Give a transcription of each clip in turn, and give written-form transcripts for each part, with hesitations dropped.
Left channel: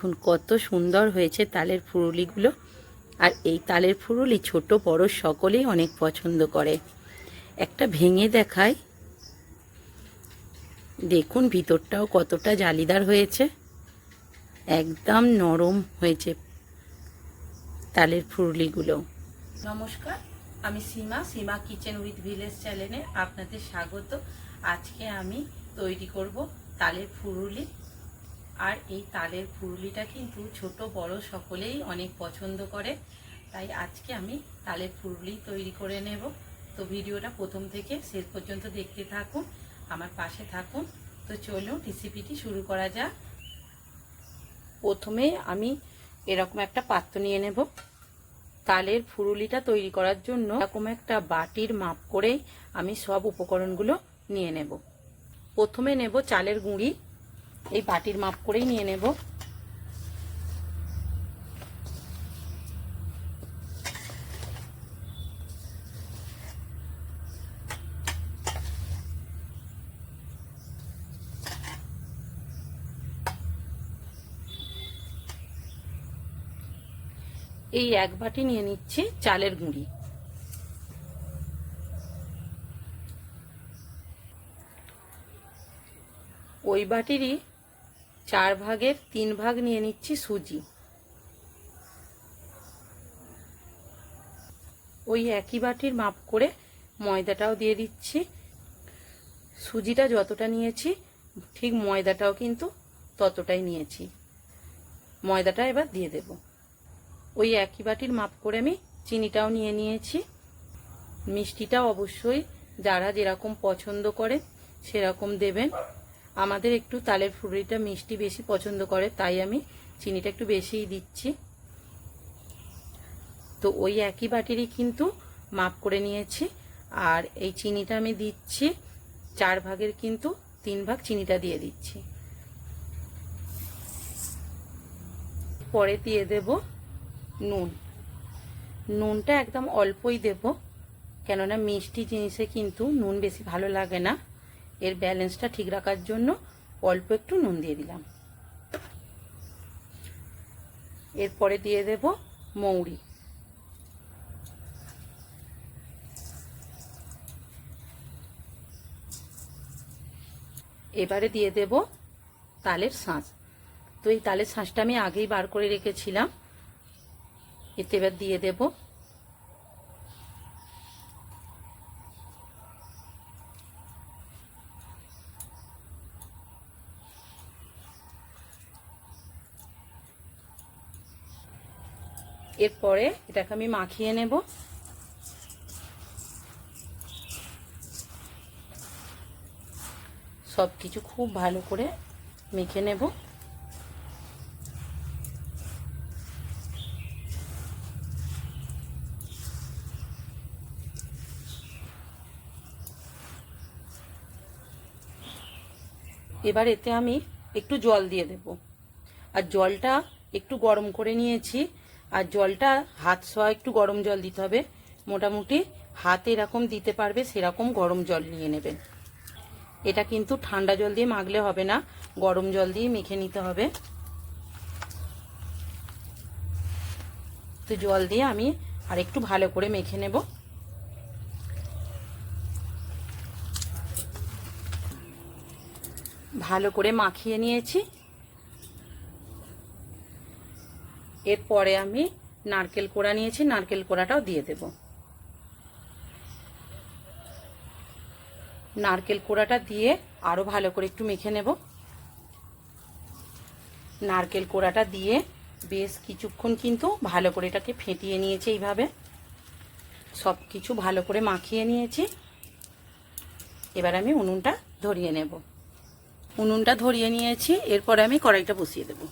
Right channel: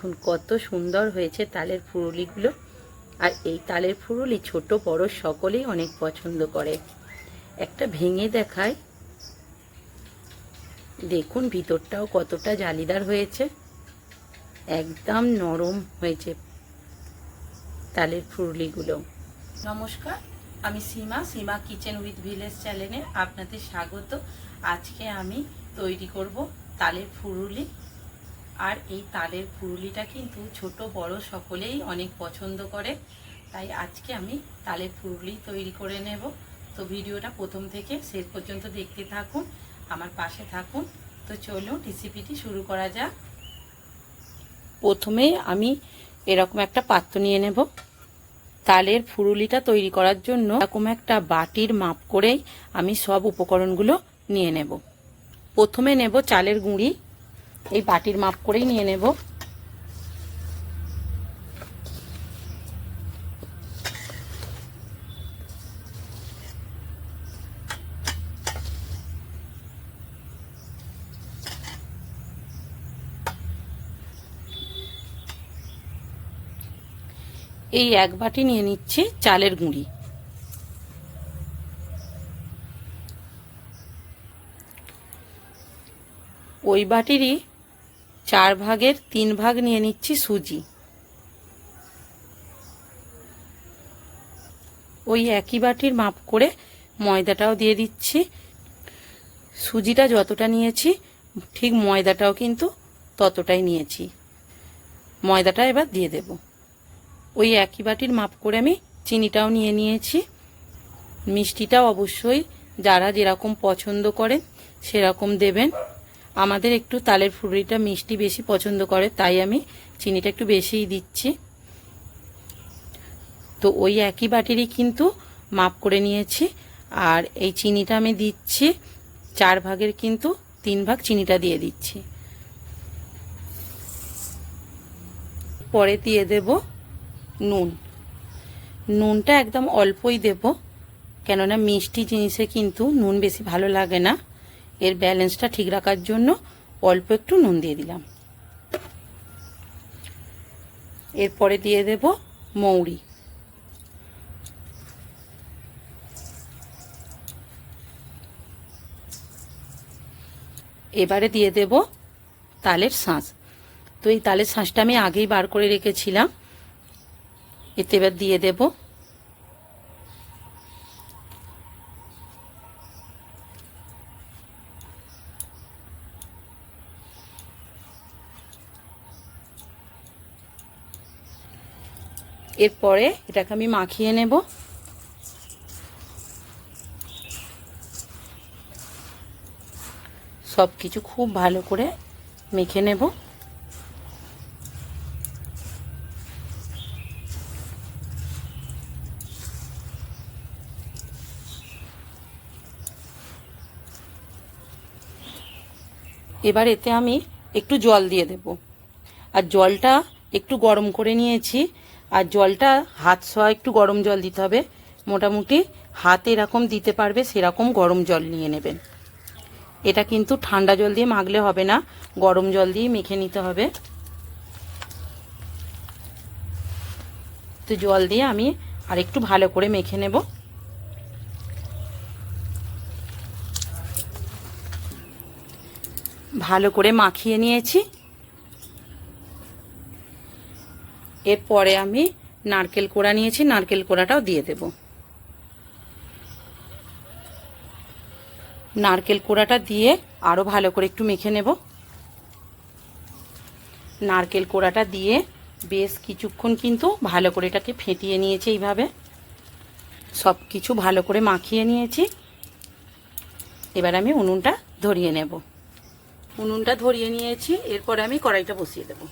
দেখুন কত সুন্দর হয়েছে তালের ফুরুলিগুলো। আর এই তালের ফুরুলি ছোট বড় সকলেই অনেক পছন্দ করে। একটা ভেঙে দেখাই, দেখুন ভিতরটাও কতটা জালিদার হয়েছে, একদম নরম হয়েছে তালের ফুরুলিগুলো। নমস্কার, আমি সীমা কিচেন উইথ ভিলেজ চ্যানেলে আপনাদের স্বাগত। আজকে আমি তৈরি করব তালের ফুরুলি। আর এই তালের ফুরুলিটা কিন্তু ছোট বড় সকলেই অনেক পছন্দ করে, তাই আজকে আমি তালের ফুরুলি তৈরি করে নেব। তো ভিডিওটা প্রথম থেকে শেষ পর্যন্ত দেখতে থাকুন, আমার পাশে থাকুন। তো চলুন রেসিপিটি শুরু করা যাক। প্রথমে আমি এরকম একটা পাত্র নিয়ে নেব। তালের ফুরুলিটা তৈরি করার জন্য এরকম একটা বাটির মাপ করেই আমি সব উপকরণগুলো নিয়ে নেব। প্রথমে নেব চালের গুঁড়ি, এই বাটির মাপ করেই নিয়ে নেব। এই এক বাটি নিয়ে নিচ্ছি চালের গুঁড়ি। ওই বাটিরই 4 ভাগের 3 ভাগ নিয়ে নিচ্ছি সুজি। ওই একই বাটির মাপ করে ময়দাটাও দিয়ে দিচ্ছি। সুজিটা যতটা নিয়েছি ঠিক ময়দাটাও কিন্তু ততটাই নিয়েছি। ময়দাটা এবার দিয়ে দেব। ওই একই বাটির মাপ করে আমি চিনিটাও নিয়ে নিয়েছি। মিষ্টিটাও অবশ্যই যারা যেরকম পছন্দ করেন সেরকম দেবেন। আমাদের একটু তালের ফুরুলিটা মিষ্টি বেশি পছন্দ করে, তাই আমি চিনিটা একটু বেশিই দিচ্ছি। তো ওই একই বাটিরই কিন্তু মাপ করে নিয়েছি। আর এই চিনিটা আমি দিচ্ছি 4 ভাগের কিন্তু 3 ভাগ চিনিটা দিয়ে দিচ্ছি। পরে দিয়ে দেব নুন। নুনটা একদম অল্পই দেব, কেননা মিষ্টি জিনিসে কিন্তু নুন বেশি ভালো লাগে না। এর ব্যালেন্সটা ঠিক রাখার জন্য অল্প একটু নুন দিয়ে দিলাম। এরপরে দিয়ে দেব মৌরি। এবারে দিয়ে দেব তালের শাঁস। তো এই তালের শাঁসটা আমি আগেই বার করে রেখেছিলাম, এতে এবার দিয়ে দেব। এরপরে এটাকে আমি মাখিয়ে নেব। সব কিছু খুব ভালো করে মেখে নেব। এবার এতে আমি একটু জল দিয়ে দেব। আর জলটা একটু গরম করে নিয়েছি। আর জলটা হাত ছোঁয়া একটু গরম জল দিতে হবে। মোটামুটি হাতে এরকম দিতে পারবে সেরকম গরম জল নিয়ে নেবেন। এটা কিন্তু ঠান্ডা জল দিয়ে মাখলে হবে না, গরম জল দিয়ে মেখে নিতে হবে। তো জল দিয়ে আমি আর একটু ভালো করে মেখে নেব। ভালো করে মাখিয়ে নিয়েছি। এরপরে আমি নারকেল কোড়া নিয়েছি, নারকেল কোড়াটাও দিয়ে দেব। নারকেল কোড়াটা দিয়ে আরও ভালো করে একটু মেখে নেব। নারকেল কোড়াটা দিয়ে বেশ কিছুক্ষণ কিন্তু ভালো করে এটাকে ফেটিয়ে নিয়েছি। এইভাবে সব কিছু ভালো করে মাখিয়ে নিয়েছি। এবার আমি উনুনটা ধরিয়ে নেব। উনুনটা ধরিয়ে নিয়েছি। এরপরে আমি কড়াইটা বসিয়ে দেব।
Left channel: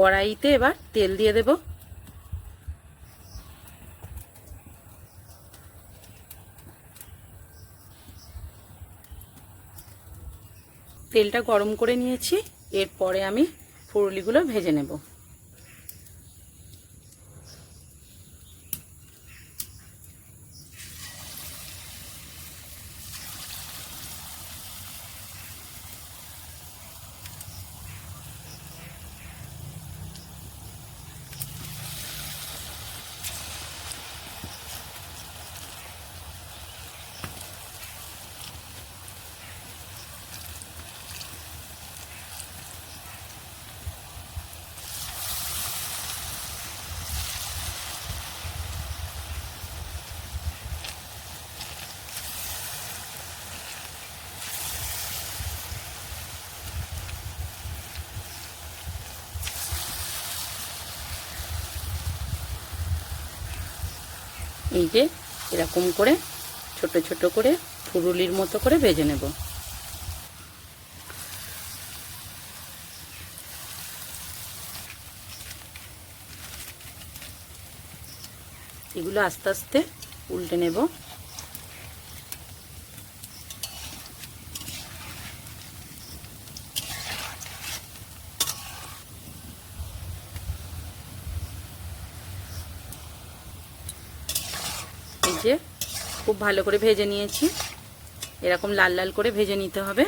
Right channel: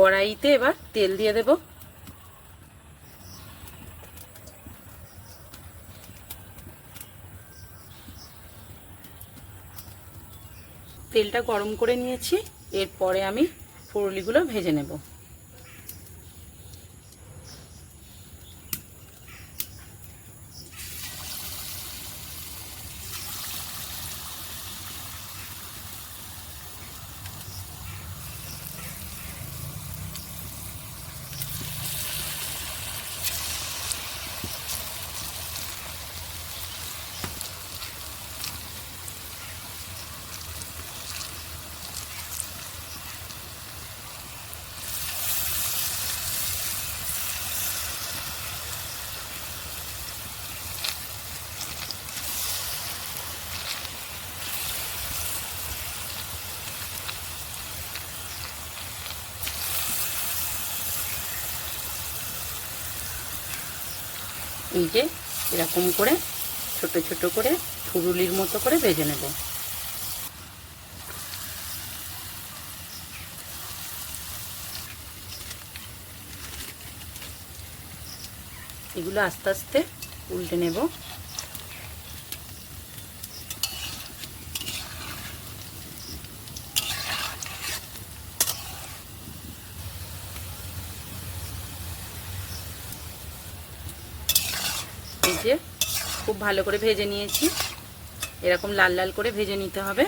কড়াইতে এবার তেল দিয়ে দেব। তেলটা গরম করে নিয়েছি। এরপরে আমি ফুরুলিগুলো ভেজে নেব। এই যে এরকম করে ছোট ছোট করে ফুরুলির মতো করে ভেজে নেব। এগুলো আস্তে আস্তে উল্টে নেব। এই যে খুব ভালো করে ভেজে নিয়েছি, এরকম লাল লাল করে ভেজে নিতে হবে।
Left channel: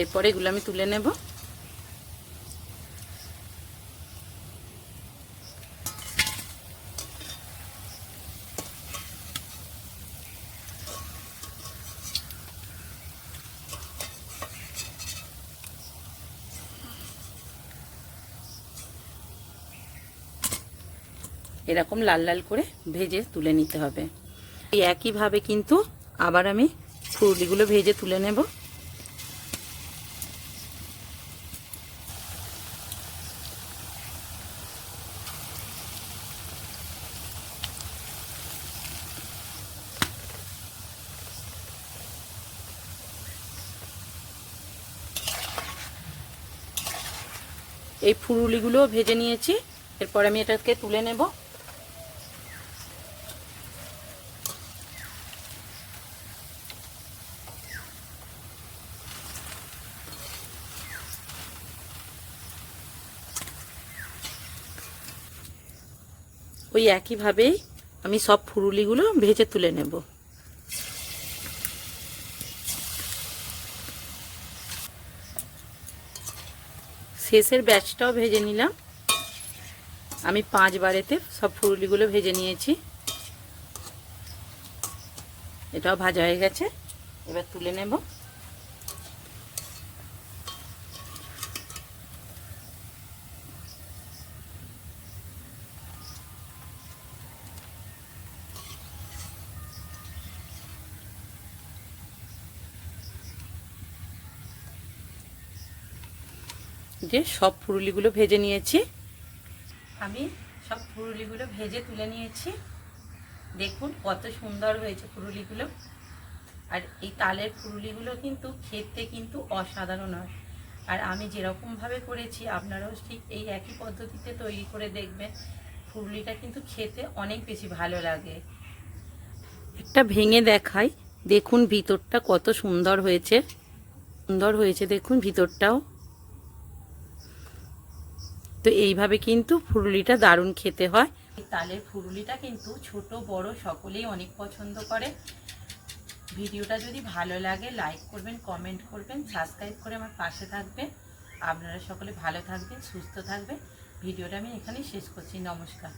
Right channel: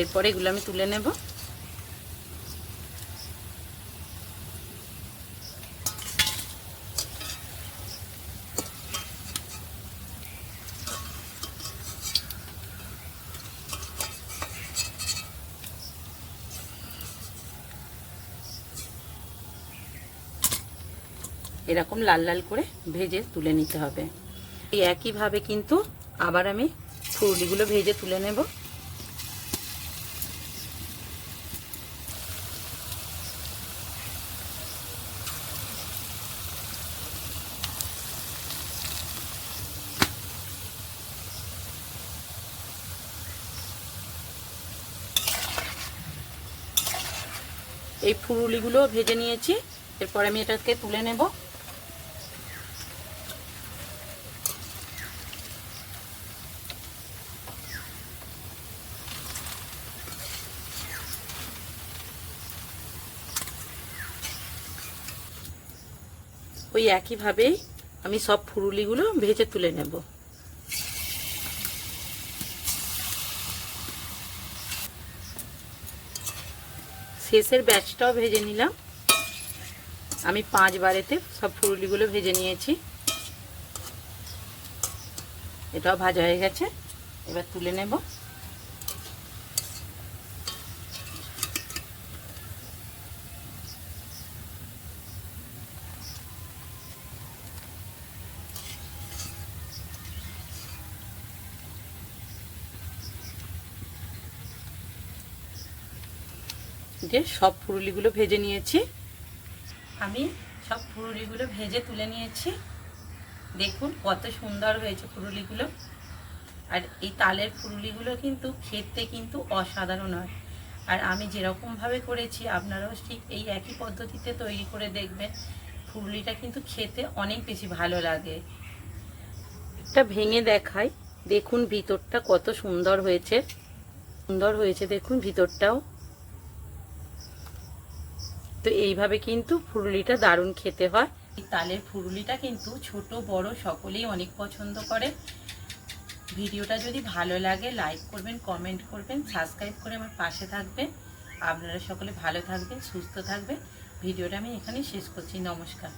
এরপরে এগুলো আমি তুলে নেব। এরকম লাল লাল করে ভেজে তুলে নিতে হবে। এই একইভাবে কিন্তু আবার আমি ফুলগুলো ভেজে তুলে নেব। এই ফুলগুলো ভেজে নিয়েছি, এরপর আমি এটাকে তুলে নেব। ওই একইভাবেই আমি সব ফুরুলিগুলো ভেজে তুলে নেব। শেষের ব্যাচটাও ভেজে নিলাম। আমি 5 বারেতে সব ফুরুলিগুলো ভেজে নিয়েছি। এটাও ভাজা হয়ে গেছে, এবার তুলে নেব। যে সব ফুরুলিগুলো ভেজে নিয়েছি, আমি সব ফুরুলিগুলো ভেজে তুলে নিয়েছি। দেখুন কত সুন্দর হয়েছে ফুরুলিগুলো। আর এই তালের ফুরুলিগুলো কিন্তু খেতে কিন্তু অসাধারণ হয়। আর আমি যেরকমভাবে করেছি আপনারাও ঠিক এই একই পদ্ধতিতে তৈরি করে দেখবেন, ফুরুলিটা কিন্তু খেতে অনেক বেশি ভালো লাগে। একটা ভেঙে দেখাই, দেখুন ভিতরটা কত সুন্দর হয়েছে। দেখুন ভিতরটাও। তো এইভাবে কিন্তু ফুরুলিটা দারুণ খেতে হয়। এই তালের ফুরুলিটা কিন্তু ছোট বড় সকলেই অনেক পছন্দ করে। ভিডিওটা যদি ভালো লাগে লাইক করবেন, কমেন্ট করবেন, সাবস্ক্রাইব করে আমার পাশে থাকবেন। আপনারা সকলে ভালো থাকবেন, সুস্থ থাকবেন। ভিডিওটা আমি এখানেই শেষ করছি। নমস্কার।